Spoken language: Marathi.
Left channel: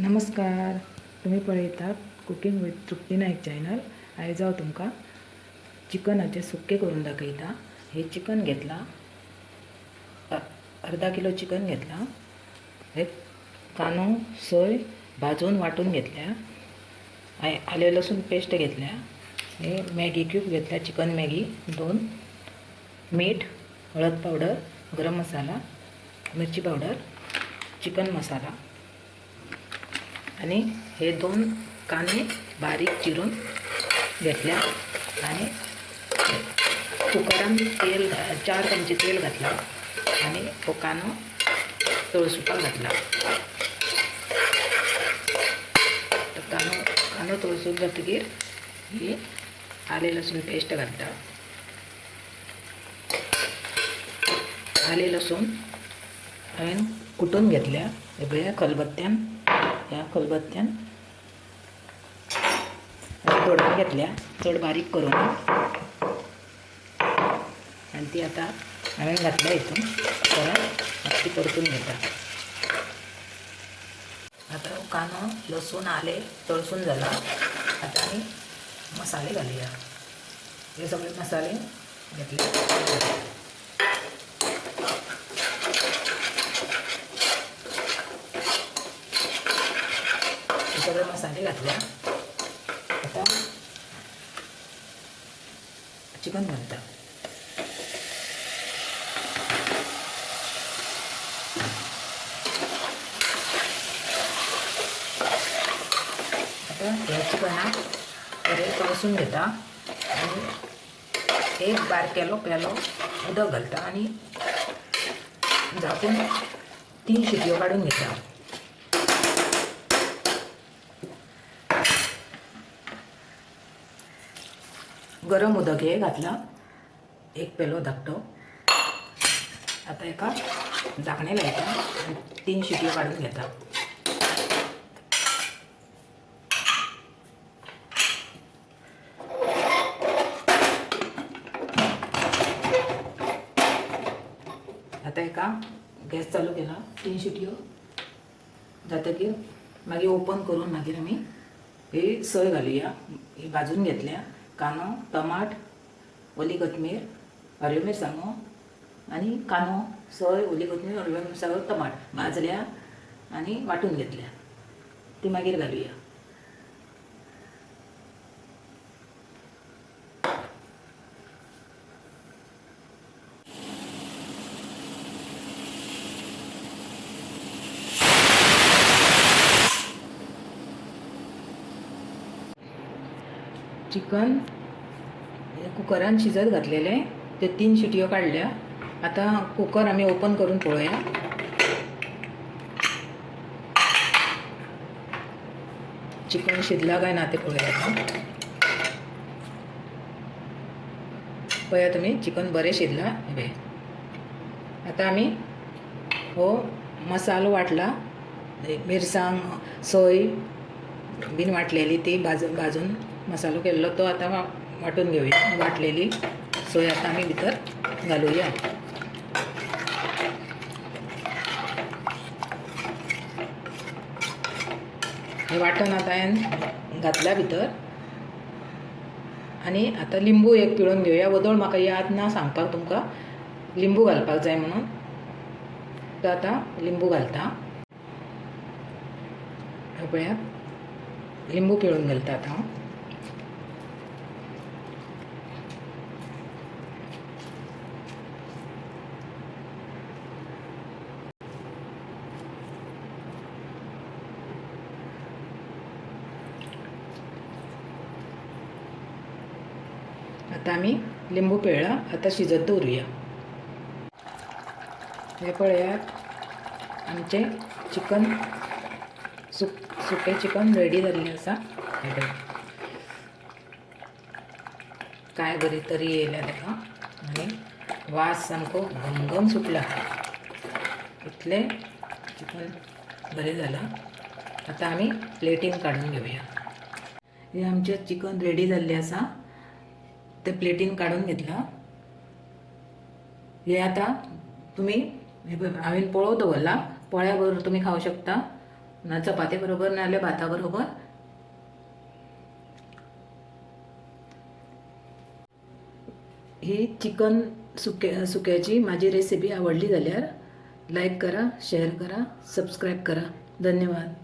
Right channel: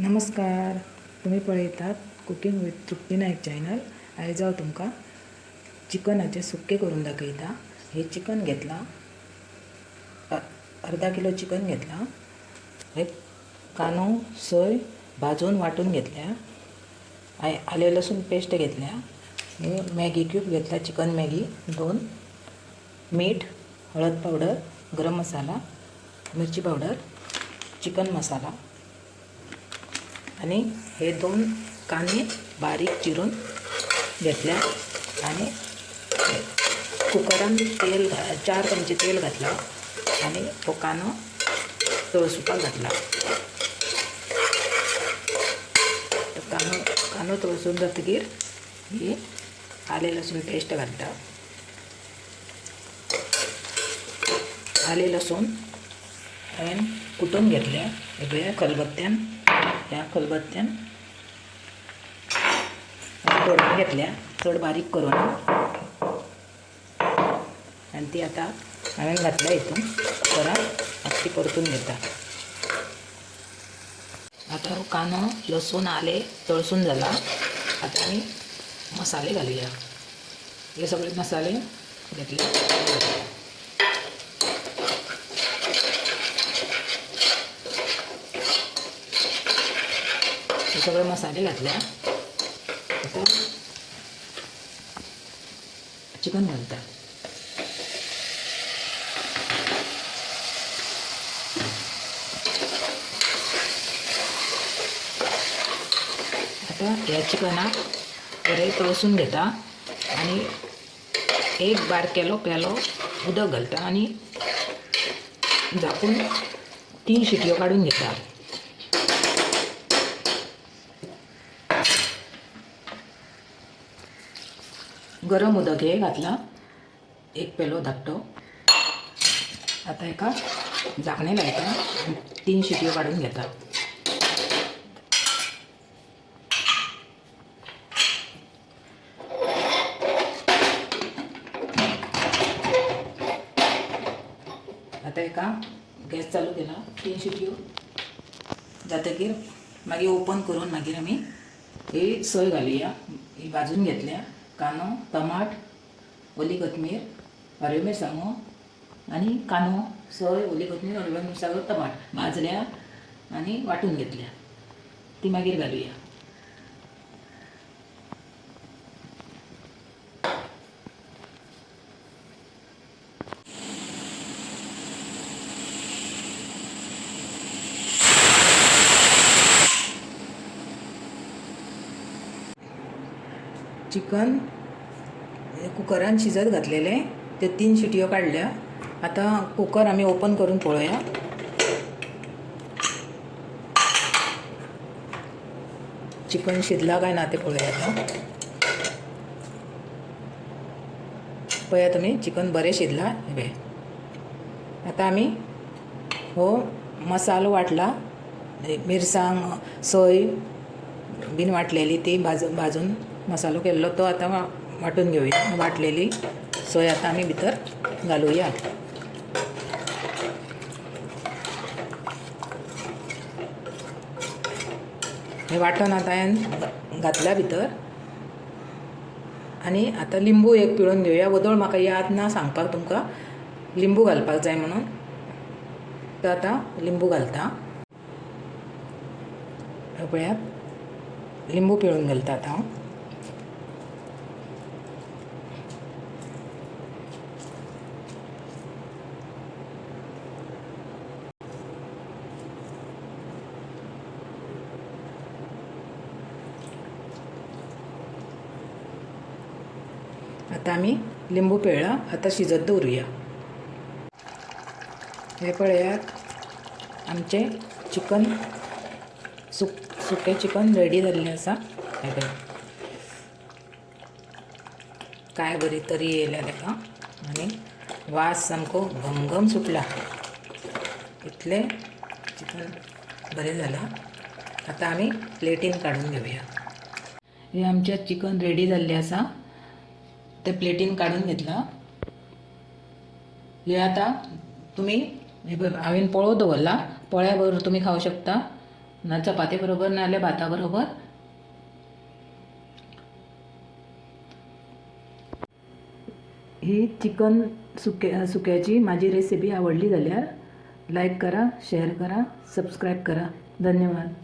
नमस्कार. तुम्ही पळयतात cooking with Trupti Naik channel. आयज हांव तुमकां चिकनाचे सुक्के करून दाखयता. हे चिकन घेतला, अर्धा किलो चिकन घेतला. हे कांदो सोय भाजून वाटून घेतल्या. आले लसूण पेस्ट घेतल्या. हे मॅगी क्यूब घेतल्या, चिकन मॅगी 2, मीठ, हळद पावडर, गरम मसाला, मिरची पावडर, चिकन मसाला आणि हे 2 कांदे बारीक चिरून घेतल्या. आणि कुकरान तेल 4 चमचे तेल घातला आणि तो कांदो तळसुपाक घातला. कांदो तळसून जातकीर ही आले लसूण पेस्ट घालता. आले लसूण हांवें कुटून घेतल्या. हे पळया खलबत्त्यान, ह्या खलबत्त्यान तोडून घेतल्या, चड बारीक करून. आणि ती आता हांवें घातल्या हितून परत ती परतून घेता. आता कांदो लसूण आले तळसून जाला. आता आमी मसाले घालुया. हे सगळे मसाले घेतले. हे सगळे मसाले घातल्या. आता चिकन घालता. आता ह्या चिकनाक बरें तळसून घेता आणि एक बारकेलो पेलो उदक घालता आणि झाकून 3 शिटयो काडून घेता. गरम उदक हे घातला, एक पेलो धाकटो. आता एका झाकणे लायता आणि 3 शिटयो काडून घेता. आता एका गॅस चालू केला, 3 शिटयो जातकीर मागीर ओपन करून मागीर आमी ही सोय घालुया. ही भाजून घेतल्या. कांदो, टमाट, ओली कोथमीर, हरव्यो मिरसांगो आणि कांदो, सोय, ओली कोथमीर, हरव्यो मिरसांगो, टमाट भाजल्या आणि वाटून घेतल्या. ती मागीर घालुया. चिकन कुकरान शिजत घातलेले, ते 3 शिटयो काडल्या. आता कुकर आमी ओपन करून पळोवया. चिकन शिजला काय ना ते पळोवया. पळया तुमी, चिकन बरें शिजला. हे आता आमी हो मसालो वाटला, मिरसांग, सोय बीन वाटलेली ती भाजून मसालो केल्लो तो आता वाटून घेवया. वाटलेली सोय आता आमी भितर घालुया. हे वाटण आता हांवें घातल्या भितर. आणि आता लिंबू एक पिळून घेवया. वदळ म्हाका याद ना सांगपाक तुमकां, लिंबू घालपाक जाय म्हणून. तर आता लिंबू घालता. पळया, लिंबू पिळून घालता आता हांव. आता आमी लिंबू पिळ्ळा. आता शिजत दवरुया. हे पळयात, आमचे चिकन सुके चिकन रेडी जाल्लें आसा. काय बरी तरी येयल्या ताका आनी वास सामको घमघम सुटला. इतलें चिकन बरें जालां. आता आमी प्लेटीन काडून घेवया. हे आमचें चिकन रेडी जाल्लें आसा. ते प्लेटीन काढून घेतला. हे आता तुम्ही हांवें पळोव दवरला. पोळ्या बरोबर तुम्ही खावं शकता. ना चपाती बरोबर ना जाल्यार भाता बरोबर. ही चिकन सुक्याची माझी रेसिपी आवडली जाल्यार लाईक करा, शेअर करा, सबस्क्राईब करा. धन्यवाद.